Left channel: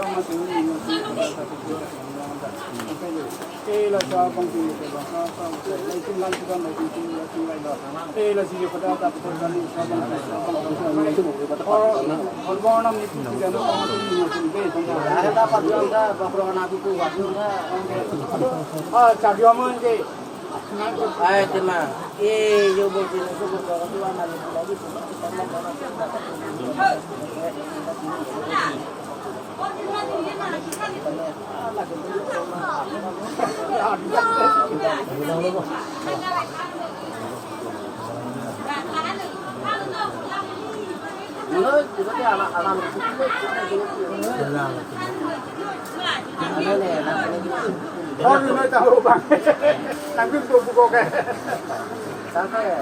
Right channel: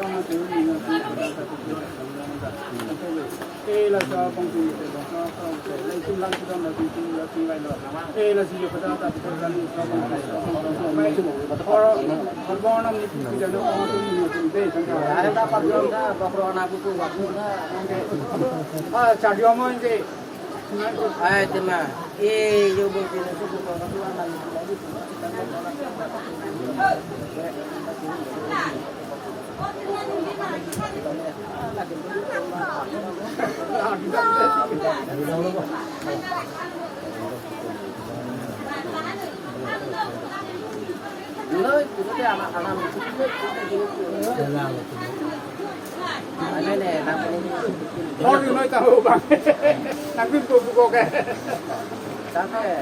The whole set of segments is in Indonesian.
ông mà tính mình thì là sao công ty là sao lấy chung lăng cho nó thì chung lại nữa là gì phải ra ta phải ra sao công ty और bọn nó như thế nào nó cũng như thế này ada dapat juga bahwa nabi ku waktu cari omong je ay tema yo boleh itu bahwa Tuhan lagi lagi kita mau dapat itu dia anak-anak itu ini oh ini tahu bang nanti buku kayak sampai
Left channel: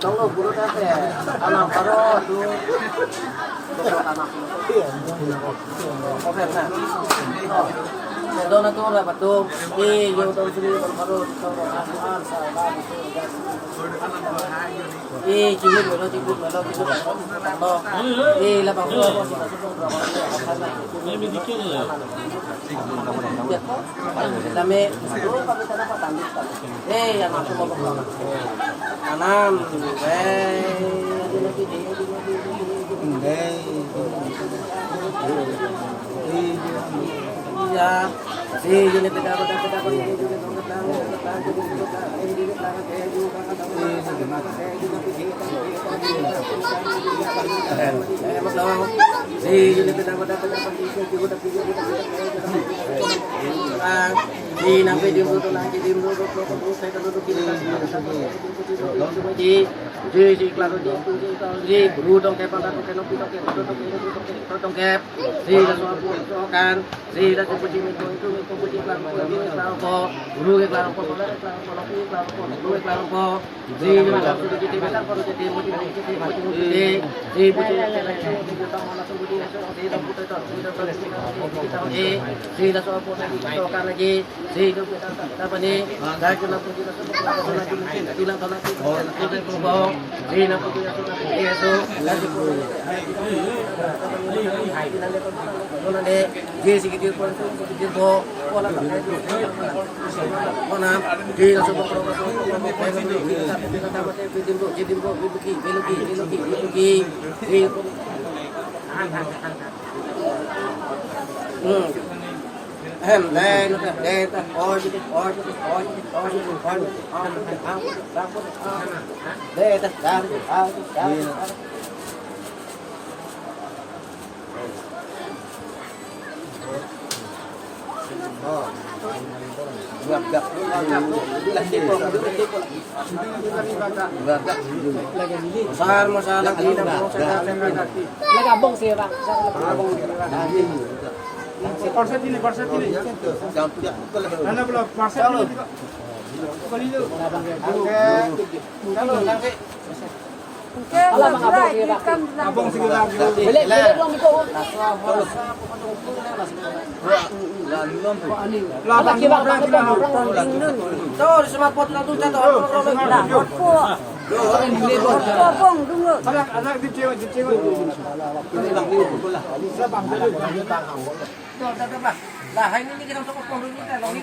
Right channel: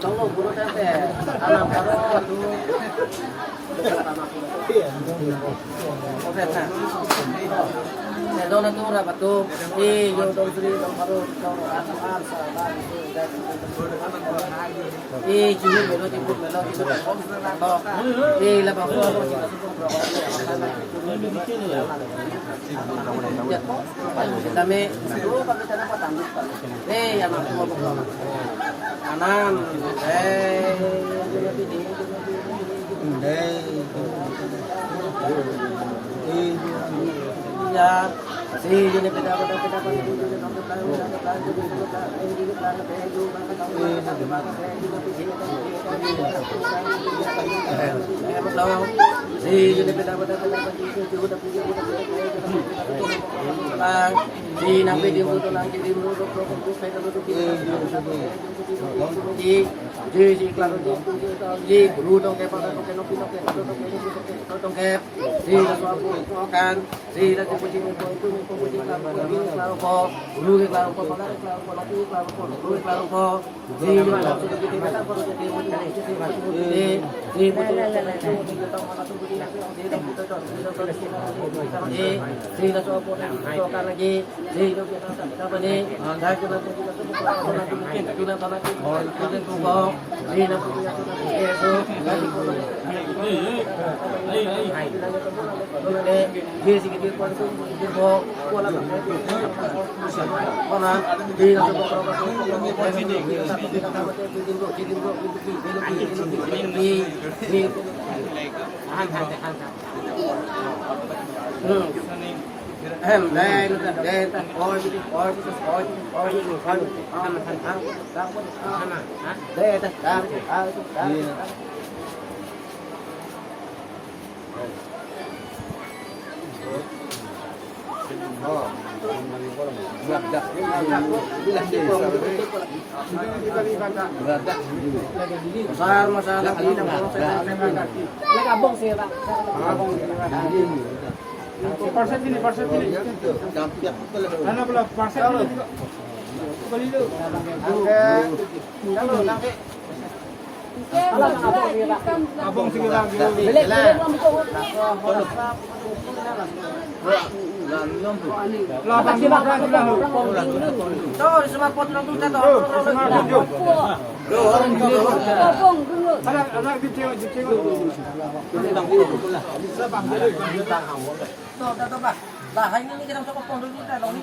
kalau buru sampai anak baru tuh anak oke nah Dona tu ora batum yo don sri don paro to an sa ba jiun melo tibut melo itu lo la bang so ko sa so pro kami itu kami tanah patang anak tu mau pro anam ya si gini kita dapat di nanti di klaro di berudang kayak pada potong kep di kan di dan seperti itu klaro dulu klaro di dalam sedikit kita perlu jadi masalah ya gabung sih Pak. Parset ini. Mana belum parset ini juga. Kali itu. Abang segera. Labang di mana kita lu? Tuh di sebelah pot nanti kita tahu. Abang dulu. Ada di cewek. Ini bang dulu betul lah. Labang dulu. Tuh, Pak. Lah ini kita untuk kopong dulu kita. Dong ini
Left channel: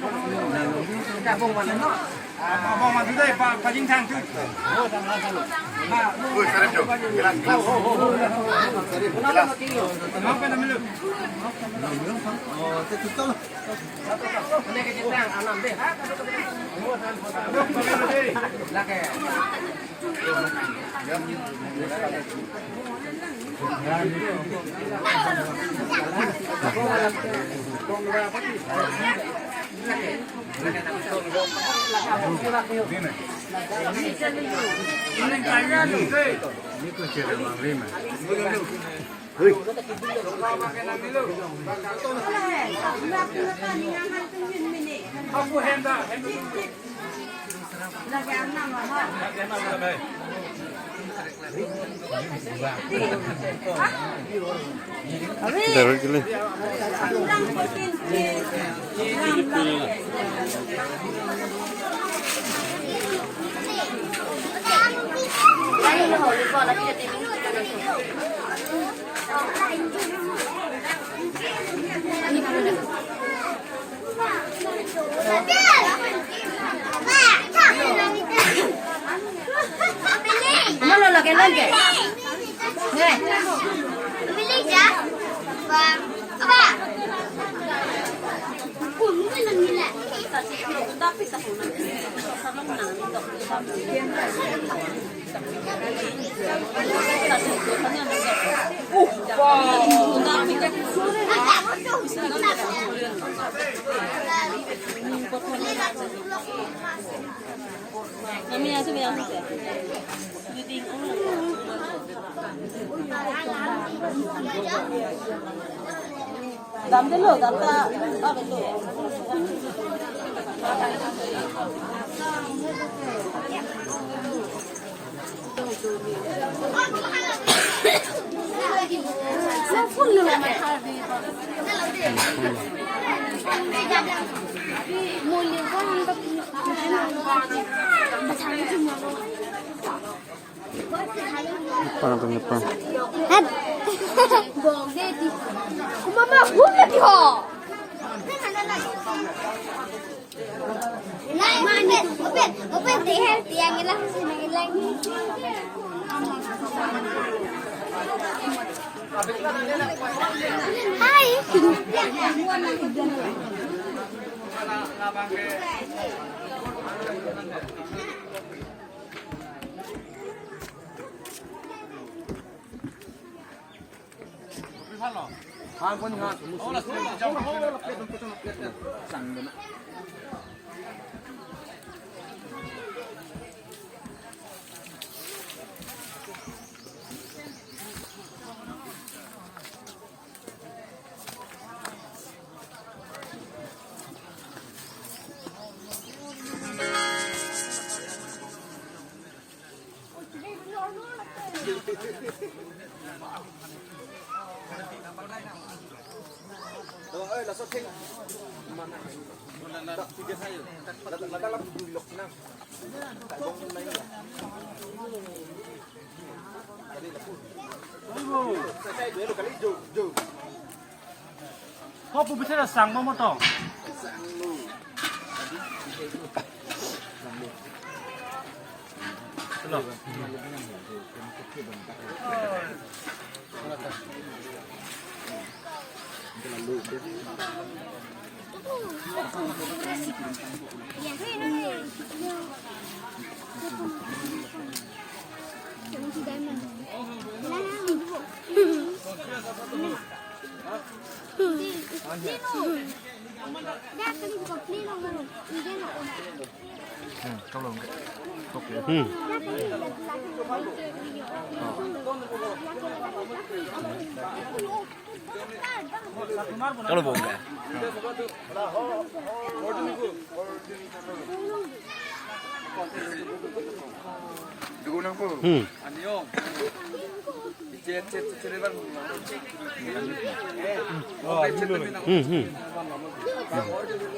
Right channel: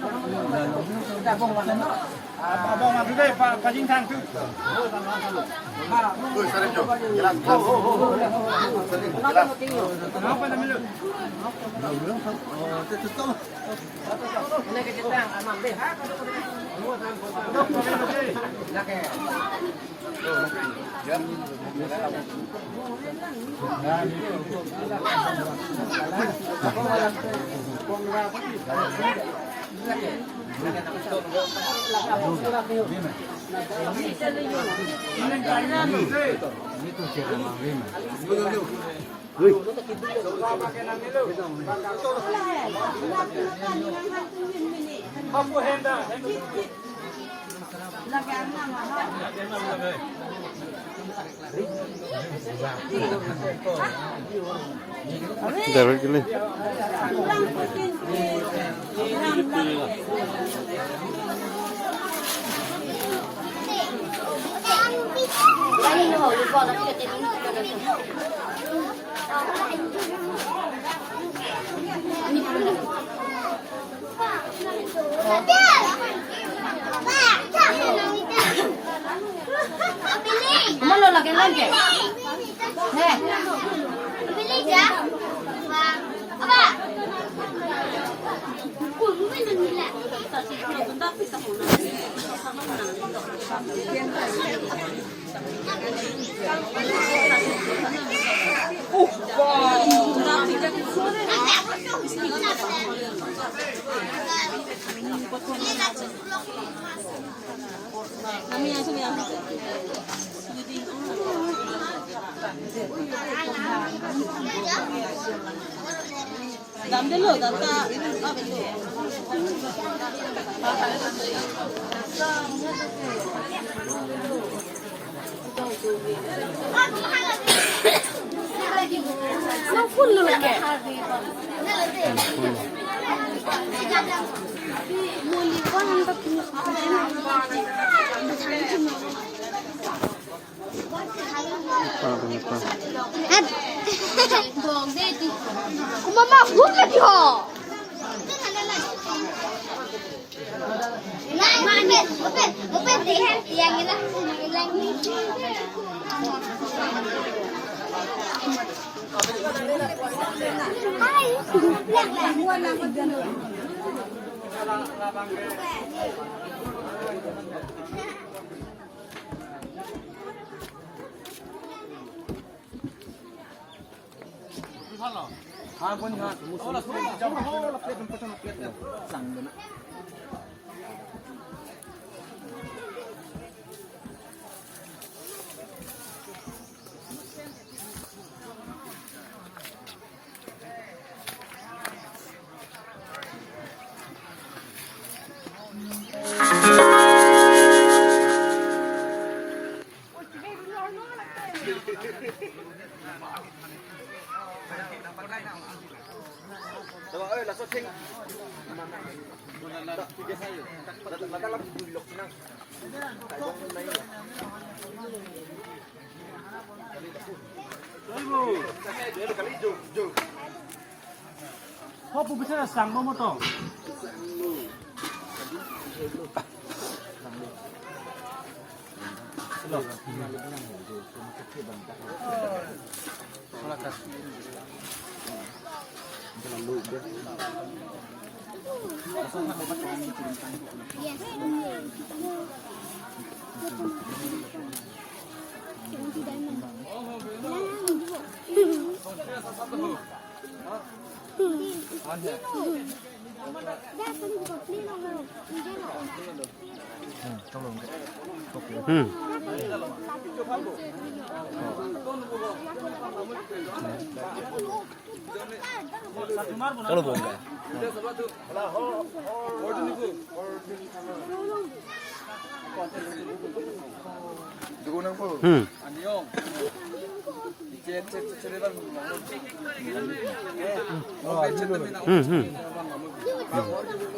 kita abang mana no? Abang mana tu deh Pak Jingsan tu. Oh, sama dulu. Ha, lu sarap jom. Kenapa nama lu? Oh, betul. Ini kita anak deh. Ha, itu cara manglima. Wih. Apa henda? Dapat gini. Ini loh, lupa nanti kita Nó lên là cái lên kìa. Nè. Billy dạ. Và ba. Cũng như là như là. Dám đến lửa dám ta ra đến lửa. Nó phun lửa mà thà đi con. Mùi lửa quá không có Mama, buka dia. Lai, open deh yang ini lagi. Hai. Đó ơi là sao sinh mà này đó tôi hay là đang làm bùi lục năng tại bông này là Kok bisa sang mama toh? Loh. Trong lòng cái tốt kìa. Trong lòng buồn kìa.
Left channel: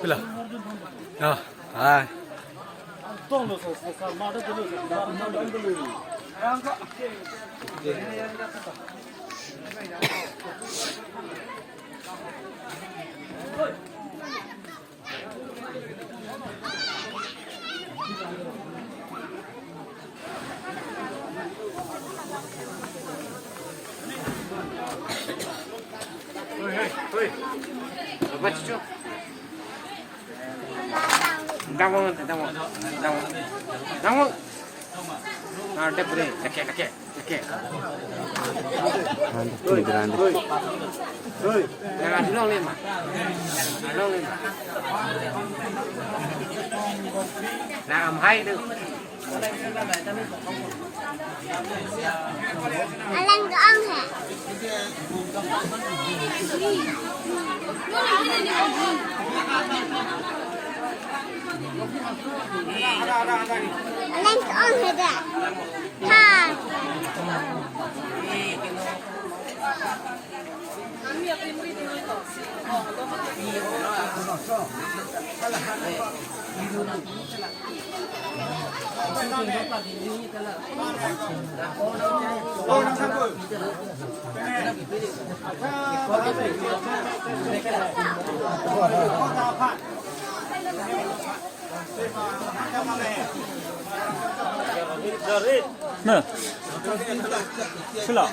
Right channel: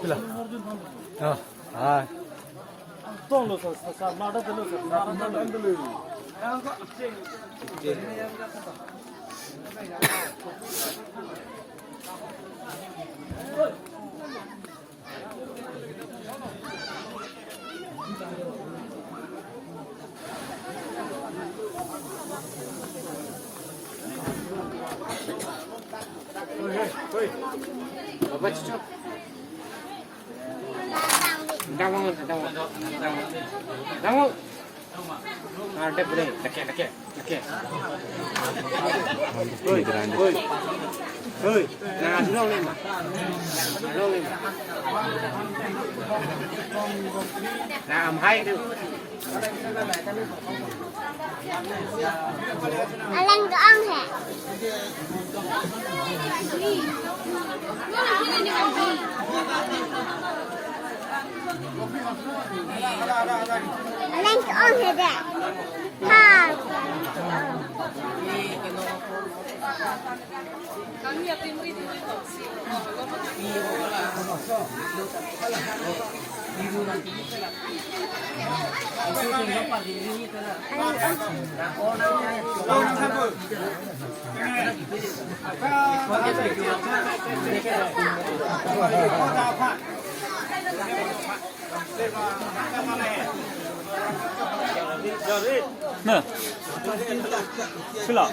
Bila? Ah, ah. Tong lo sa nada jelo sa nada kandelo. Oi. Apa cucu? Dangun. Ada boleh, leke. Oi, jangan nol lima. Làm hay được. Alang doang ya. Alang doang ya dah. Ha. 네. 출라.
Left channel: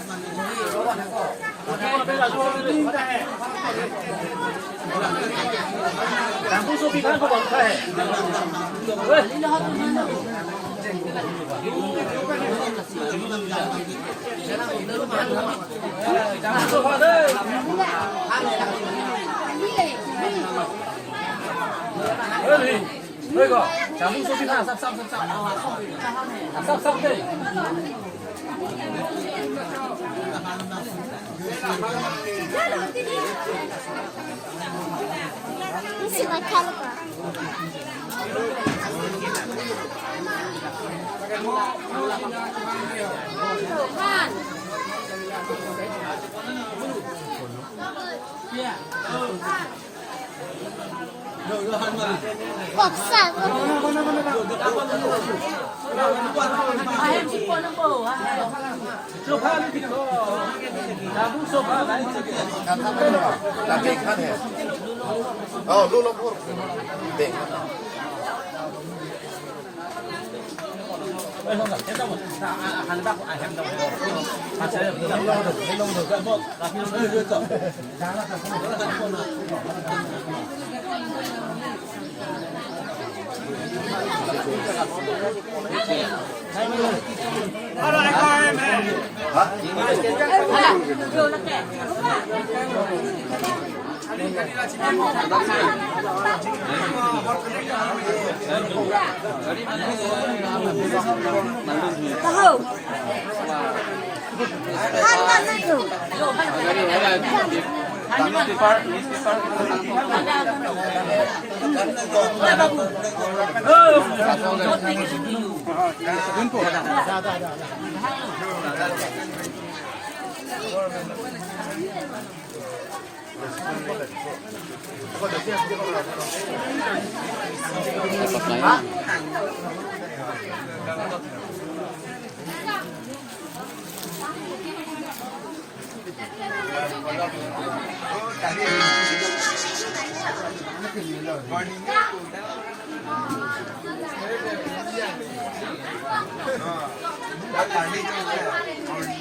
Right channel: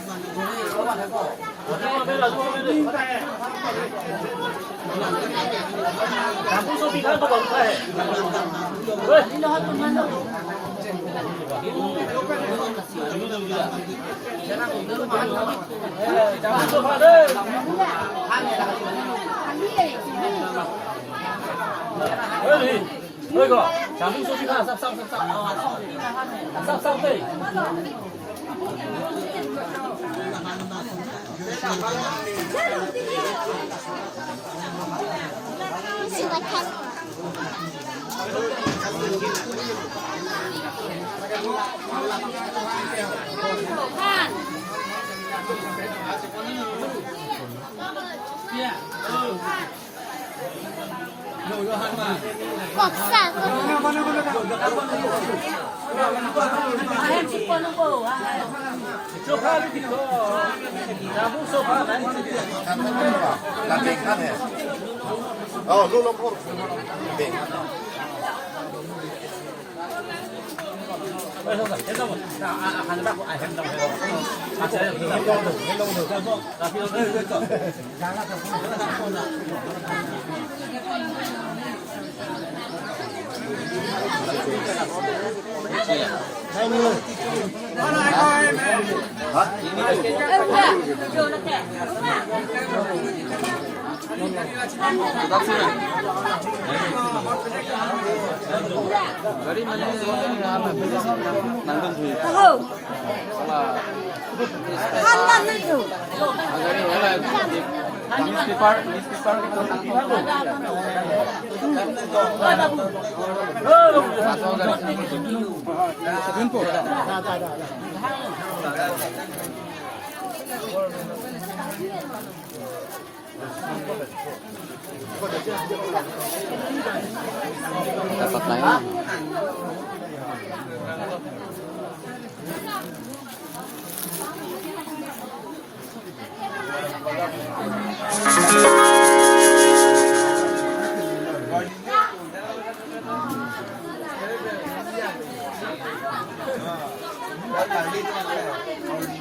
이거 장풍 소비 하나 쌉 먹사. là tiền khách hè luôn luôn luôn tiền khách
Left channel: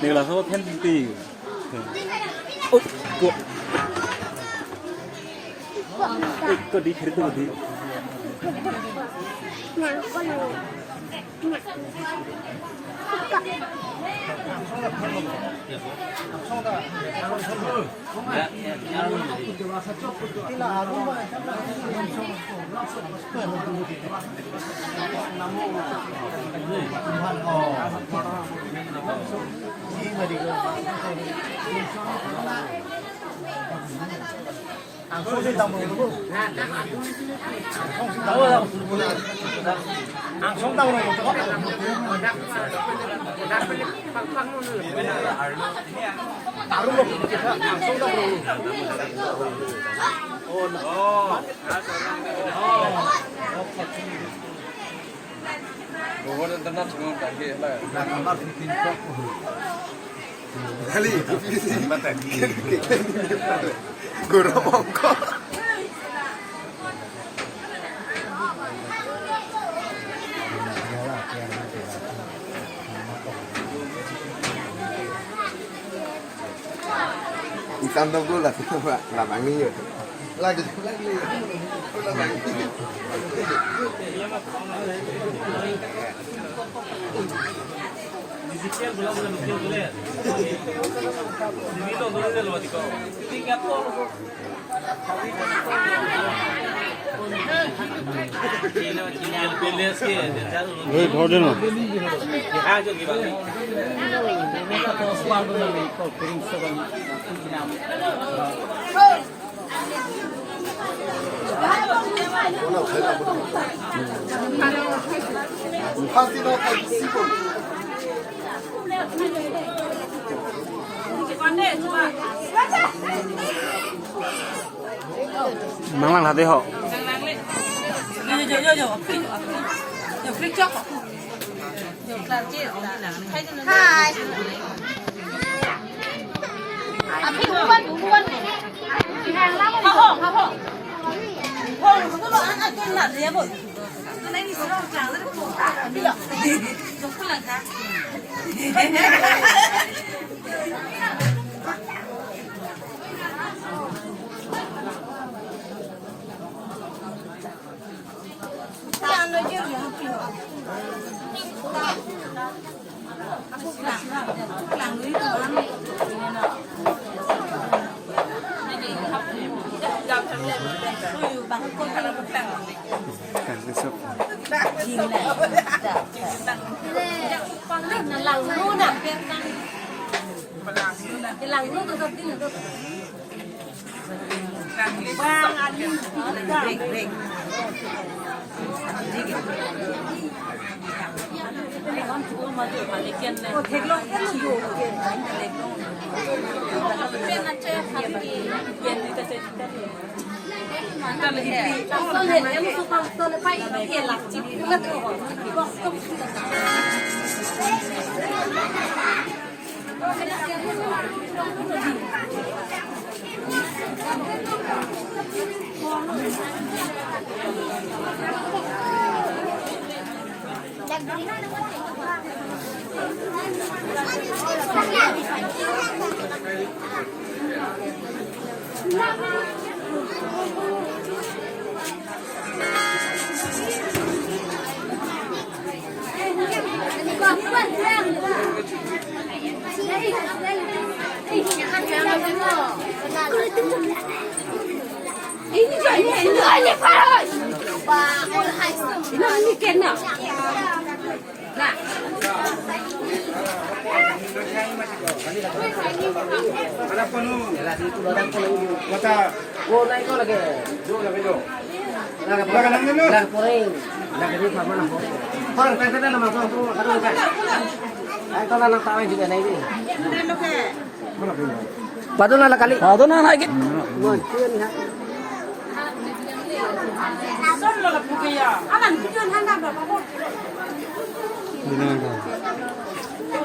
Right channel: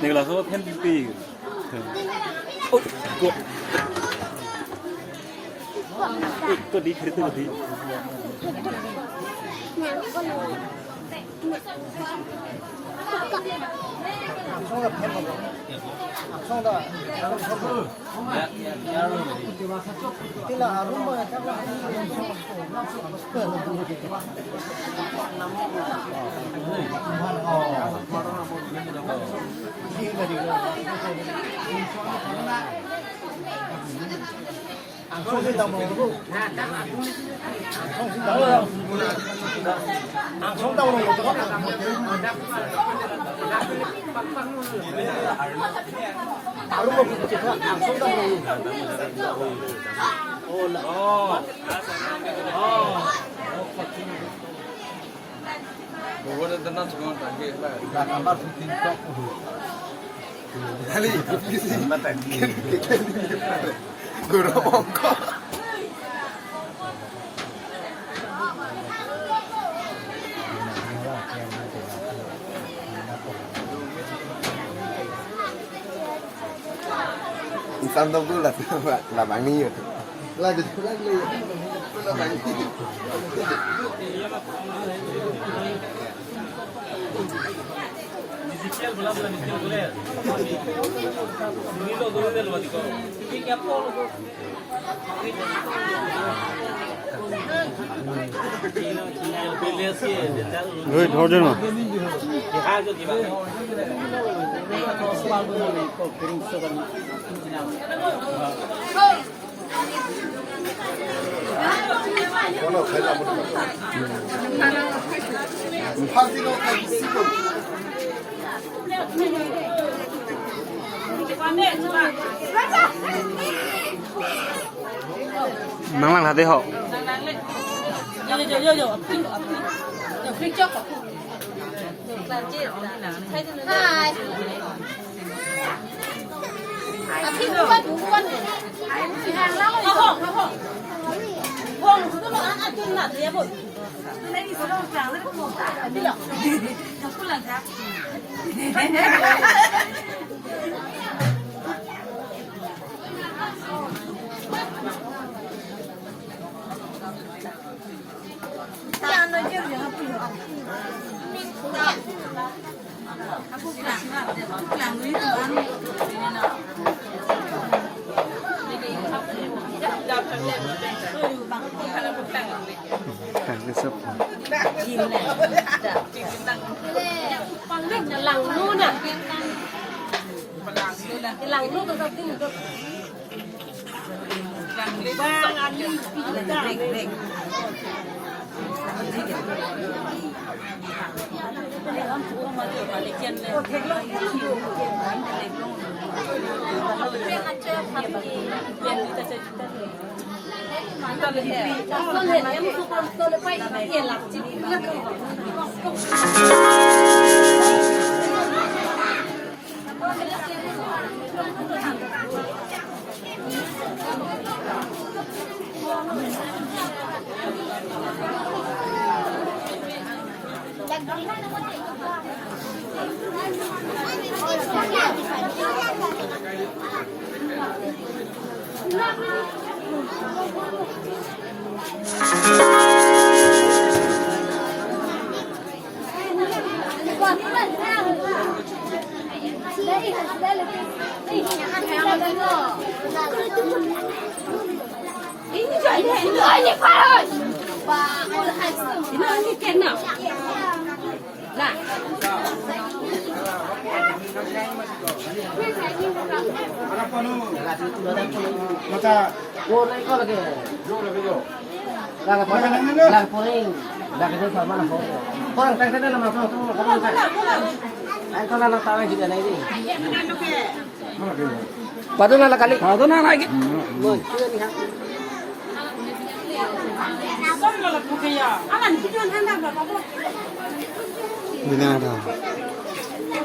này là số thêm tì 또 니 그래도 어디 guru mongko Isan đâu là bạn đi rồi lagi Rồi thôi đi mà. Mang lăng hạt đi hộ. Hai. Tapi buat bukan. Hàng lắm rồi. Không, nó lo ăn cơm là gì vậy? Cái này thì nó chẳng nó cũng cả biết là. Không có lần khác. Chẳng nói chuyện gì học kiểu. Làm lý tưởng ăn. Con này là lằng luôn à? Cái lằng luôn rồi cái nữa. Tôi hiện em tôi lại phải hiện là chính là Ini Pak. Pak, oleh hasil. Ini kena. Nah. Mata go naik ko lagi. Go lagi do. Laga pa. Laga puring. Laga di pa mana po. Parang tengteng na mga po karon pa. Ay to na lang tawag juga na ini. Mana po? Pado na kali. Pado na lagi. Good. Alan video handa berapa kok? Binada.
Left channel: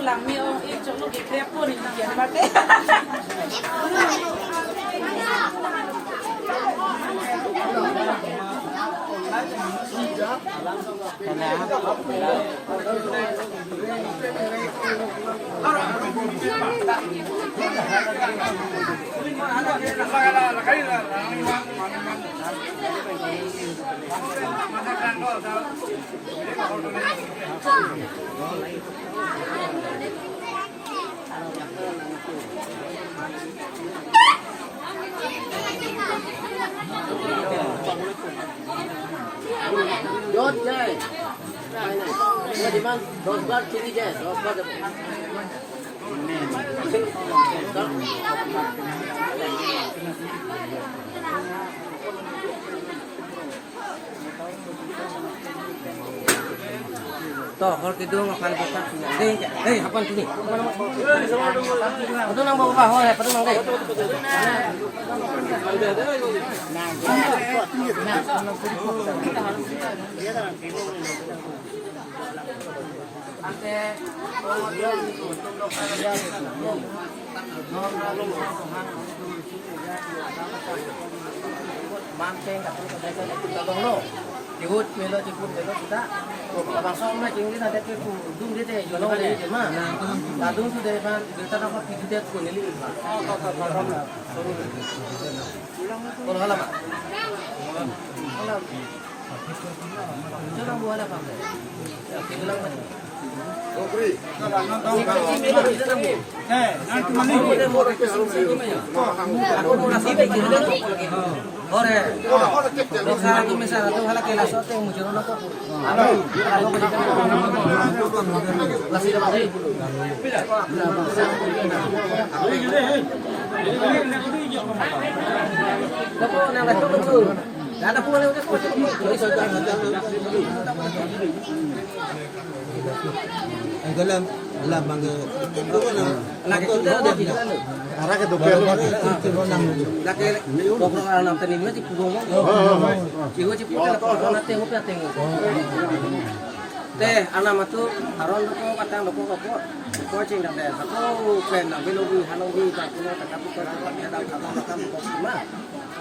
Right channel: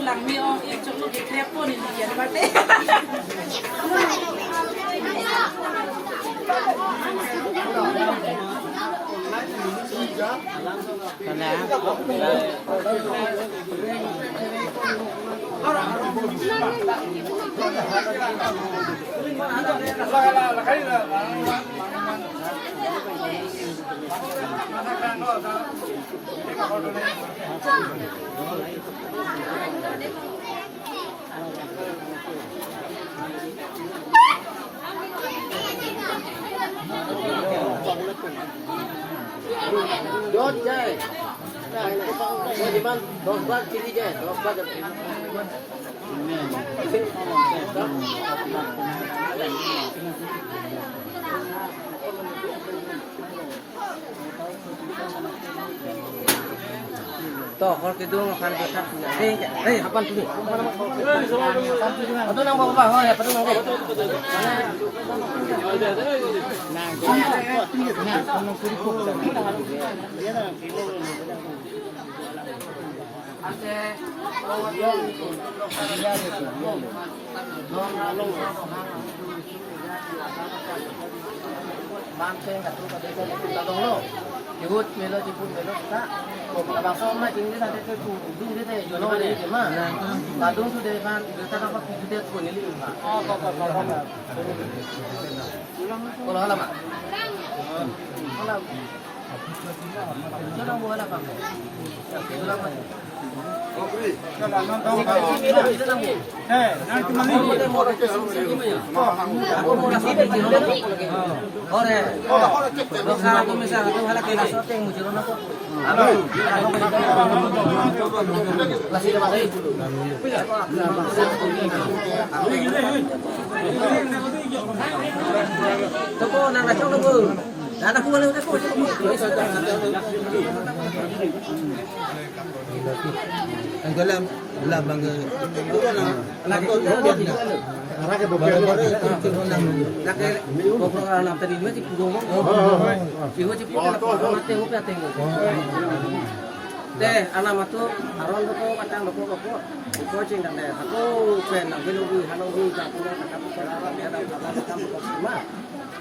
Lang mi ong e chong lo ke krepo ni dia bate. Jod jai. Mau di mana? Dosbat sini jai. Dosbat. Toh, kalau kita makan kita, kapan sini? Atau nang bawa bawa ya, perlu nang deh. Banteng kat tu kat kita dong lo. Ikut melo kita. Abang sama jing dia nanti tu dung dia tu jono dia je mah. Badung tu dia ban kita nak pergi dia tu ni lih. Oh, kau. Kalau halam mak. Halam. Jangan buat apa. Ulang mak. Okey. Kalau nonton nanti mami mau ke aku mau nasi di sini. Ore. Dosa tu misal tu hala kena sote mujur nak tu. Aku berikan nasi dapat dari bulu. Toko nang kacau tu. Ada pun lu tu. Ang dalam Lah bangga. Lagi kita dia tidak ada. Baru-baru itu ronang. Lagi pokok anak tadi mesti pugong. Jiwa cepat orang tengok ya tengok. Deh, anak matu aron loko katang loko. Ko cing dah deh. Aku kena nak belogi halogi tak punya tak apa apa dia dah akan loko semua.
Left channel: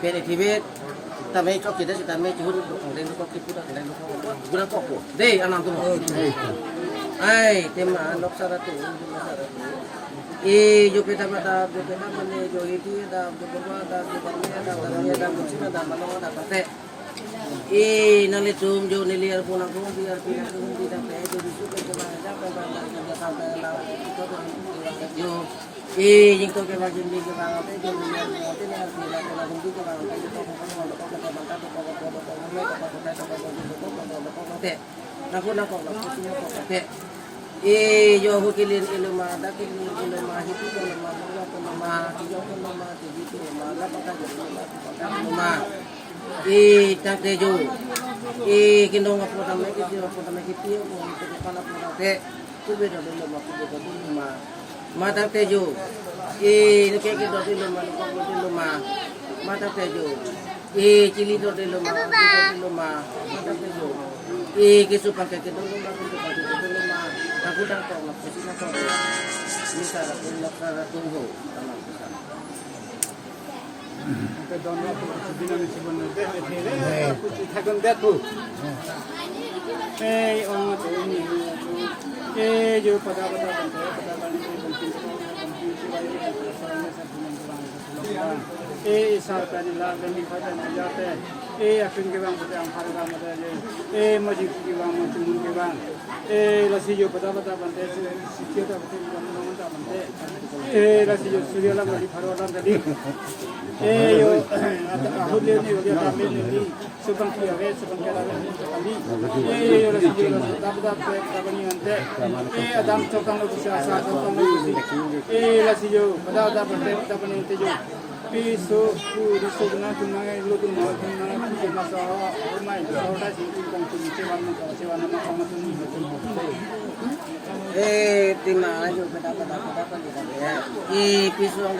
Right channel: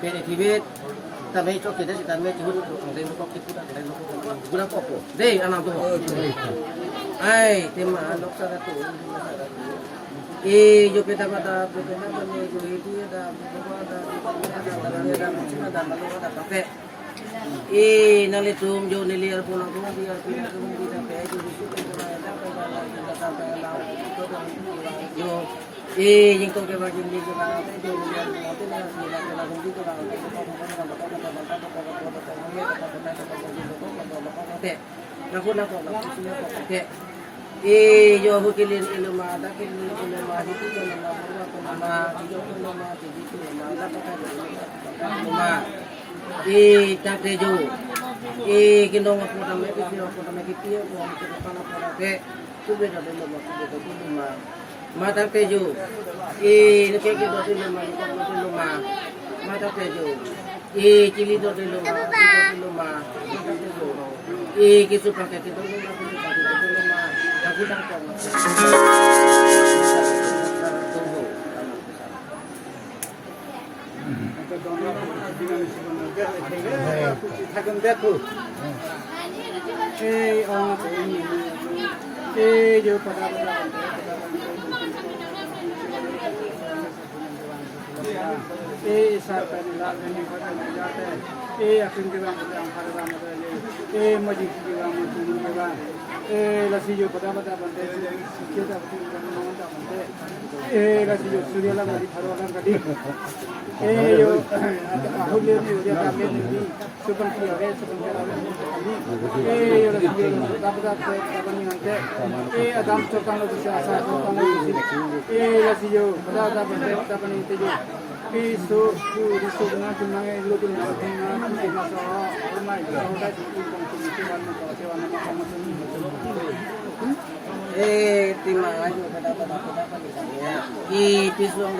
Kene tibet tapi cok kita sudah me curi orang loko kita dah loko. Guna apa? Deh, anak tu. Ai, tema anak sara tu. जो पेटा बने जो लेती है दा बुबा दा दुकानिया दा वाला दा मछली दा मानो दा काफे नाले तुम जो नेली यार पुना को भी यार पिना को भी दा पे जो बिसु के जमा दा पे वाला दा दा ला जो जिन तो के बाकी भी का होते जो यार होते ना पिना के ला गुंडी को दा होते तो को जो हो के लिए इल्मा दा के लिए इल्मा हिती के इल्मा बुआ के इल्मा जो इल्मा के बीच में इल्मा दा पता के इल्मा ताके जो किंदों अपना में किसी अपना में किती है वो हमको पाना पड़ा पे सुबह जो इल्मा को इल्मा मा ताके जो के दो इल्मा मा ताके जो चिली दो इल्मा ताके जो के सुपा के दो इल्मा aku dah tahu nak tunggu. Apa dunia ini sebenarnya aku takkan betul. Orang ini, jo pada सरकार ने लाल रंग खाता नहीं जाता है अफीम के बाम होते हैं हमारे बाम होता है मस्जिद के बाम तुम के बाम लसी जो पता बनते हैं सीधा बनते हैं लसी जो सूर्यला गली फरोला गली जो आहुल नहीं हो गया तामें नहीं सुबह की आवे सुबह के आवे गली लसी जो पता बनी बनते अदाम चौकान लोग से आशा चौकान लोग लसी जो पता बनते पता बनी जो piso riso na tunangai lutu na tunangai ke na sa rumai oda ji kong kong cewan na kong tuni tima ayo kata piso ang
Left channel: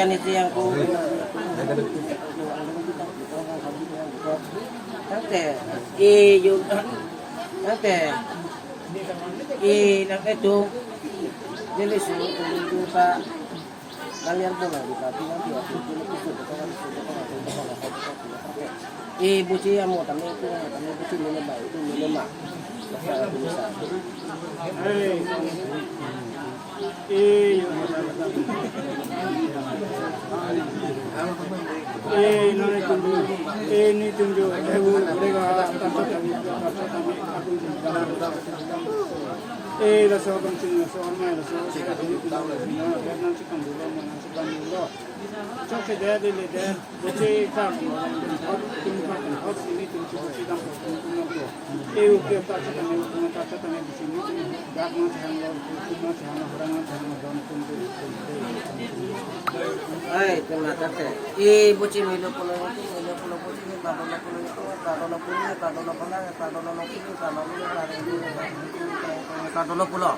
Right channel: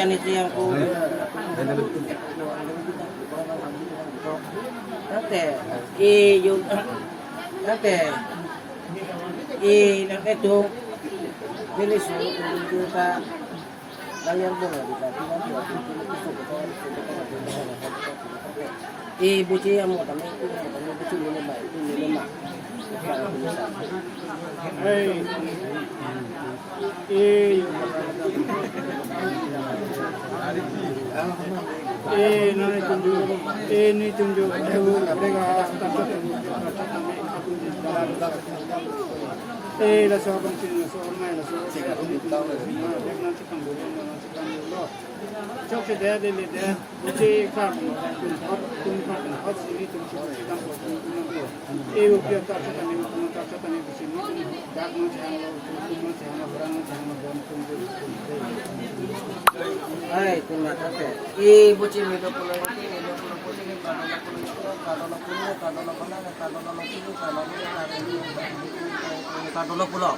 ani yang ko tate yo tate nak itu jenis itu pak kalian boleh dikasih nanti waktu itu buci yang mau tamu buci minum itu minum nane tunjuk ini tunjuk mereka tanpa kami aku la so continua so ormai la so ini kita fino nanti kan dulu cok ke dia le dia buci kar hot hot sini tunjuk buci kan upio tak kami buci ini dak na jangan lo jangan berang jangan don tunjuk terima kasih buci milo pulo buci kadolo pulo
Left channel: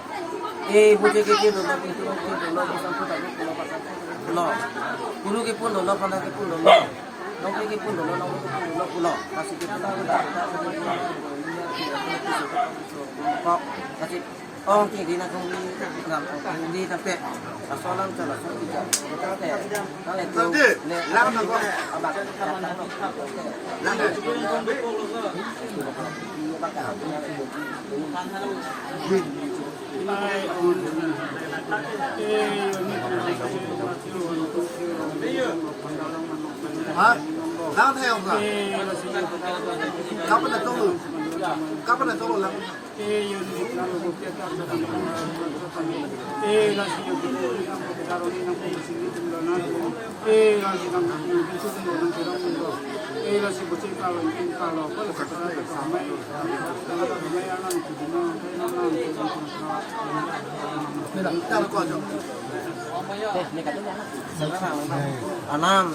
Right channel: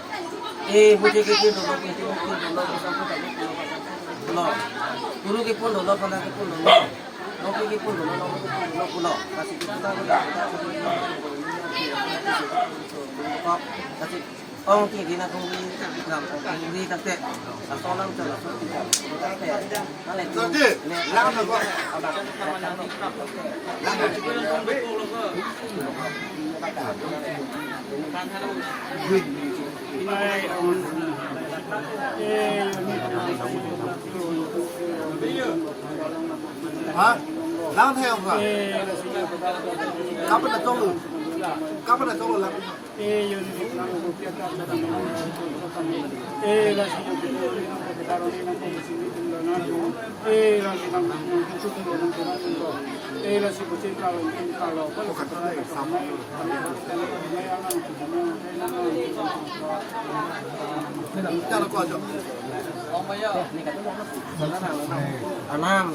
buci kiki dolo itu dolo bukan pulo puru ki pun dolo pada ki pun dolo nopi ki pun dolo pulo kasih kita kok kasih ông thì đi là không đi tập thể là so lăng cho là so đi tập thể nó lại từ lăng được không à bạn mai ông hả lao theo cả kapan dah tahu lah yang di dalam kopi atau kami lagi yang di dalam kopi taruh di dalam kopi sini jumlah nasi lagi dalam itu semua dalam kurang untuk lagi bocor kalau kalau sebenarnya ramai ramai anak itu semua anak anam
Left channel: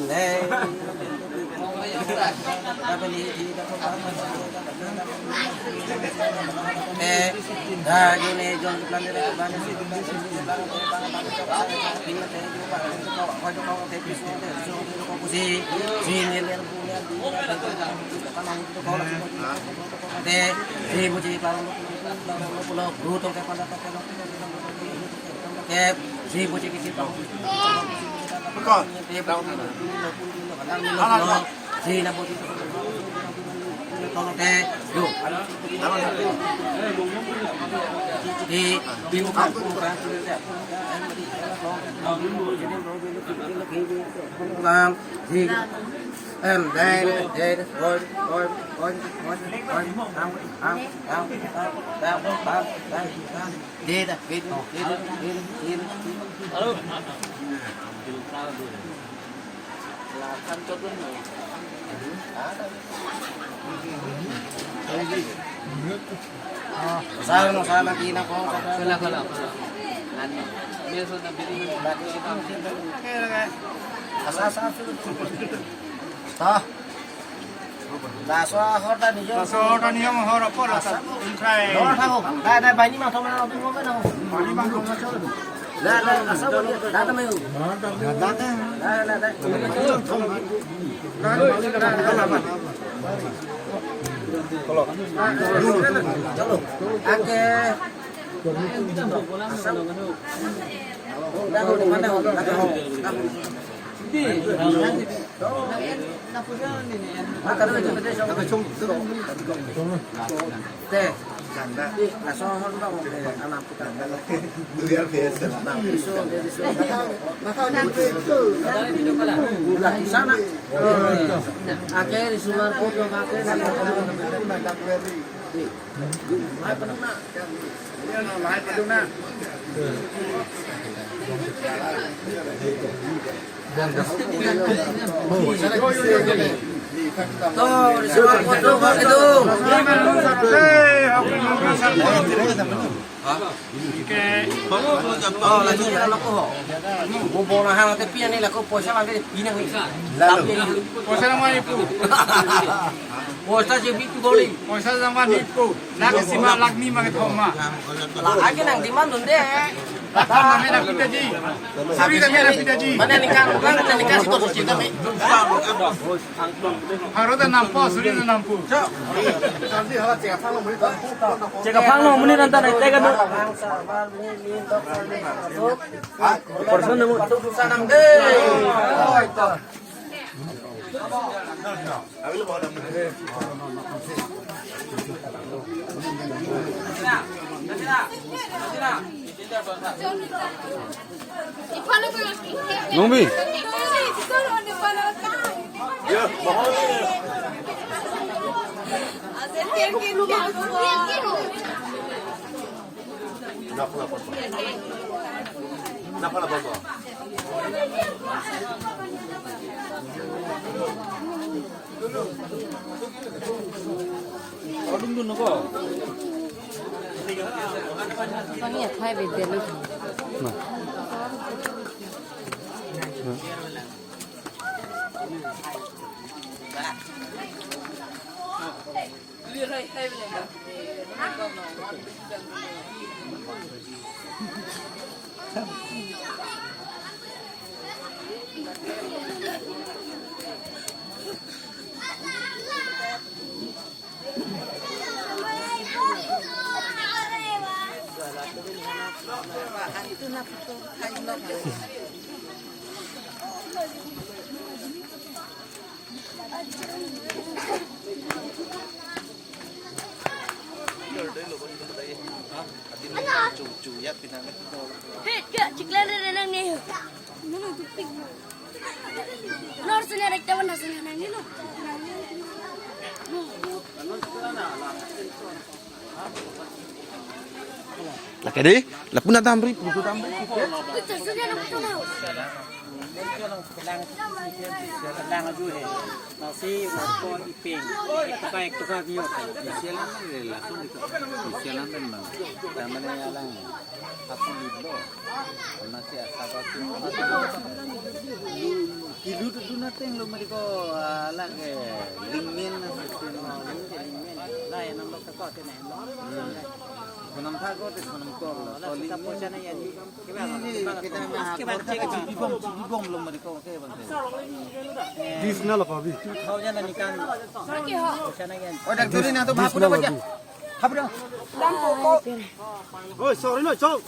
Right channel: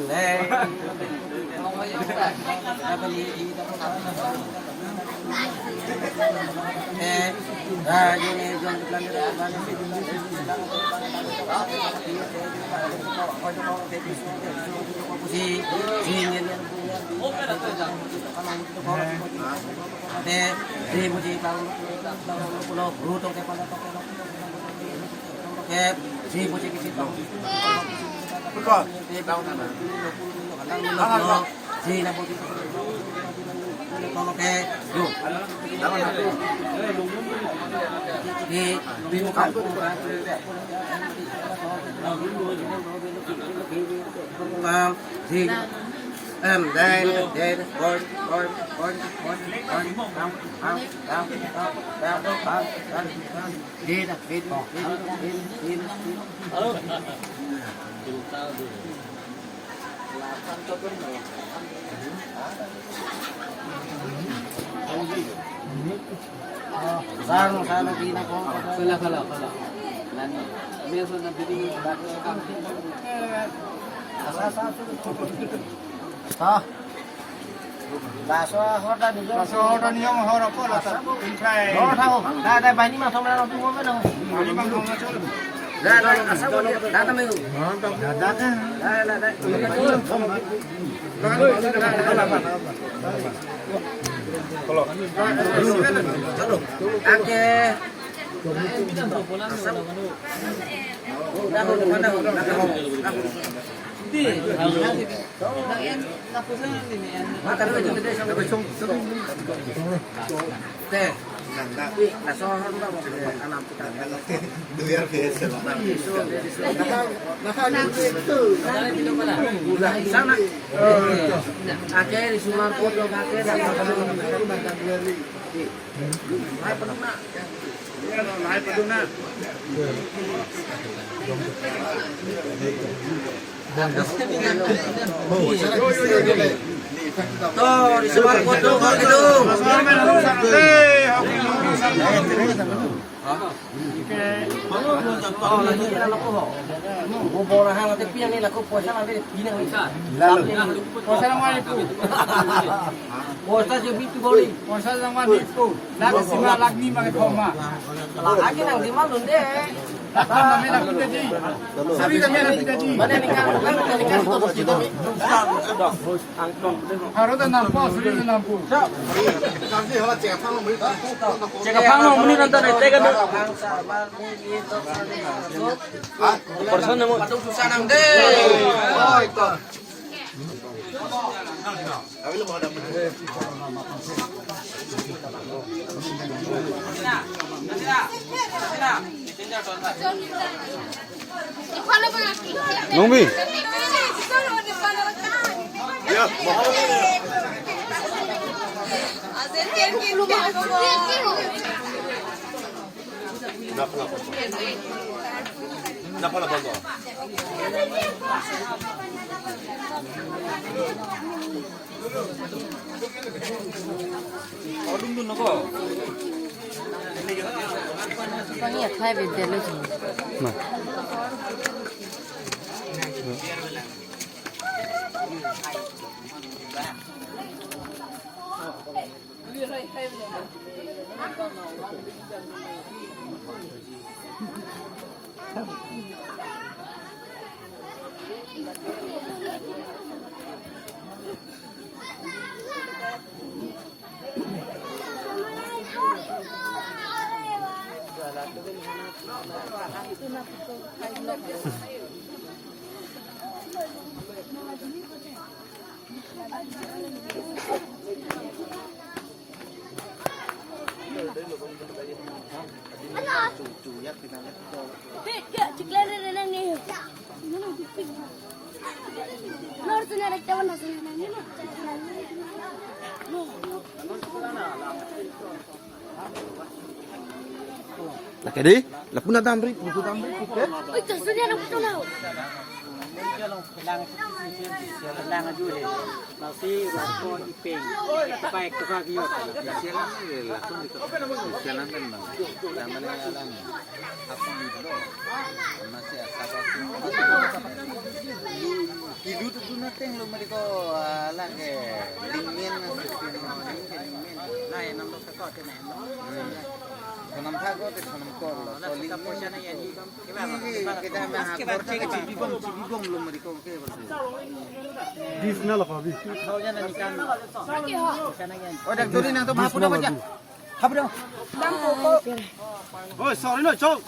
Nungbi. Ya, mahal ni. Napa bawa? Lah kade, lah pun nak tambri, itu tambri. Betul, sudah nak betul mau. Kalau lang lang aja deh. Nasi langsung ipeng. Baik tu kan kiot. Sialan langsung di sialan kan bang. Namanya alang. Apa itu? Nasi asal hidup tu nateng lo mereka alang ke lingmen lingmen. Lain nombor sekau tu ni. Senang kau tu senang kau. So lingmen macam ni. Kita nak cigong lo mereka ke. Di sana lah Pak. Kau jangan ikan. Oh, dah kiri nak tu, apa dah baca? Apa dah? Oh, sorry no, sorry.